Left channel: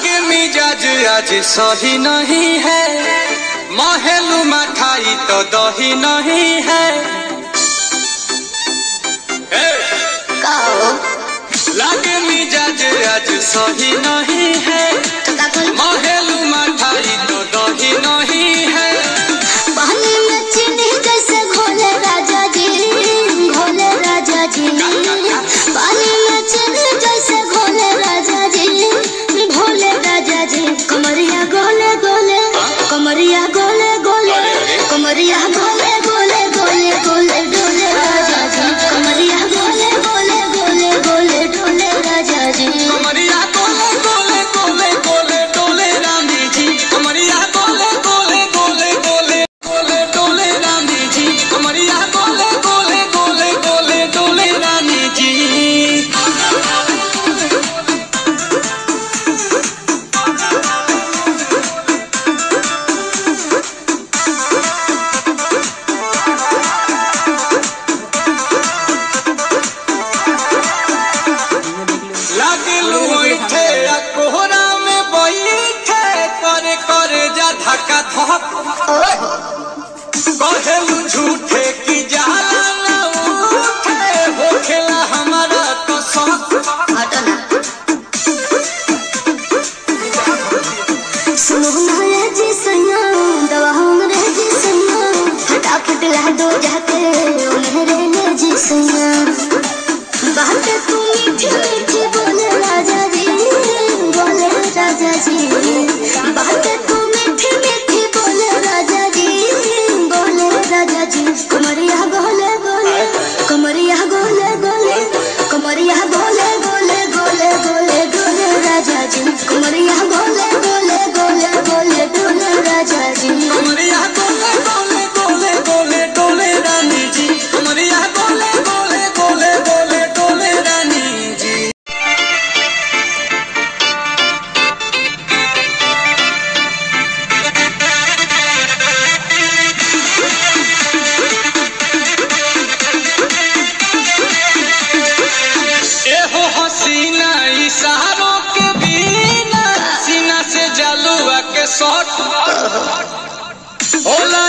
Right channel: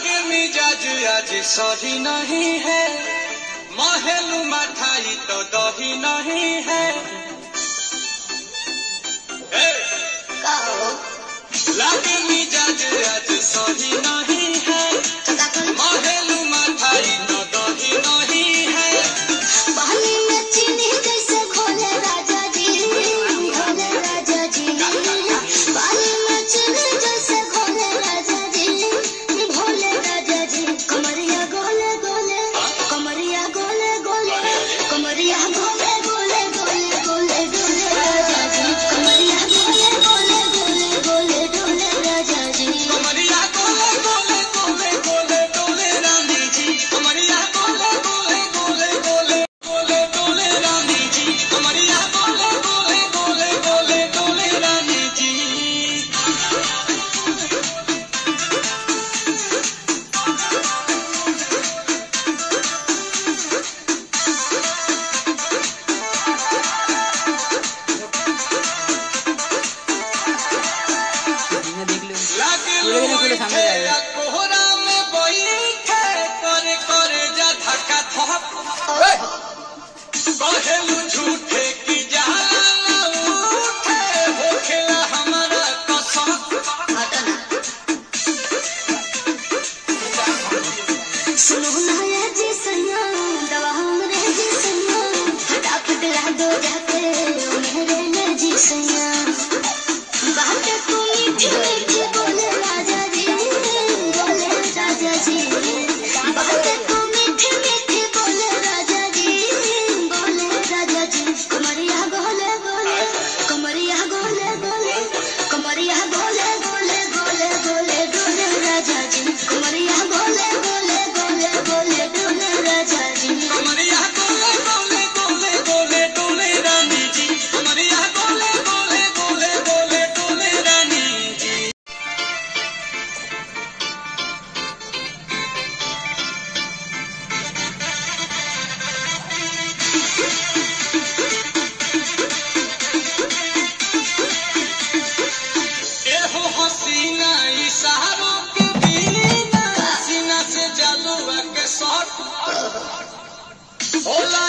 लागे मिजाज आज सही नहीं है, महलू मठाई तो दही नहीं है। लागे मिजाज आज सही नहीं है, महलू मठाई तो दही नहीं है। पानी में चीनी जैसे घोले राजा जी, घोले राजा जी। पानी में चीनी जैसे घोले राजा जी, घोले राजा जी। कमरिया गोले गोले, कमरिया गोले गोले, कमरिया गोले गोले गोले गोले डोले राजा जी। कमरिया गोले गोले गोले गोले डोले राजा जी। कमरिया गोले गोले गोले गोले डोले रानी जी। कमरिया गोले गोले गोले गोले गोले डोले रानी जी। कमरिया गोले गोले गोले गोले डोले रानी जी। लागे लोइठे कोहरा में बैठे करे करे जा धक्का धक। कहलू झूठे की जाला न उठे, होखेला हमारा तो शौक। सुनो ना ये जी सैया, दवा हमरे जी सैया, फटाफट ला दो जाके ओ मेरे ले जी सैया। बात तू मीठी मीठी बोले राजा जी, बोले राजा जी। बात तू मीठी मीठी बोले राजा जी, बोले राजा जी। कमरिया गोले गोले, कमरिया गोले गोले, कमरिया गोले गोले गोले गोले डोले राजा जी। कमरिया गोले गोले गोले गोले डोले राजा जी। कमरिया गोले गोले गोले गोले डोले रानी जी। कमरिया गोले गोले गोले गोले डोले रानी जी। एहो हसीना इशारों के बिना, सीना से जलुआ के शॉट होला।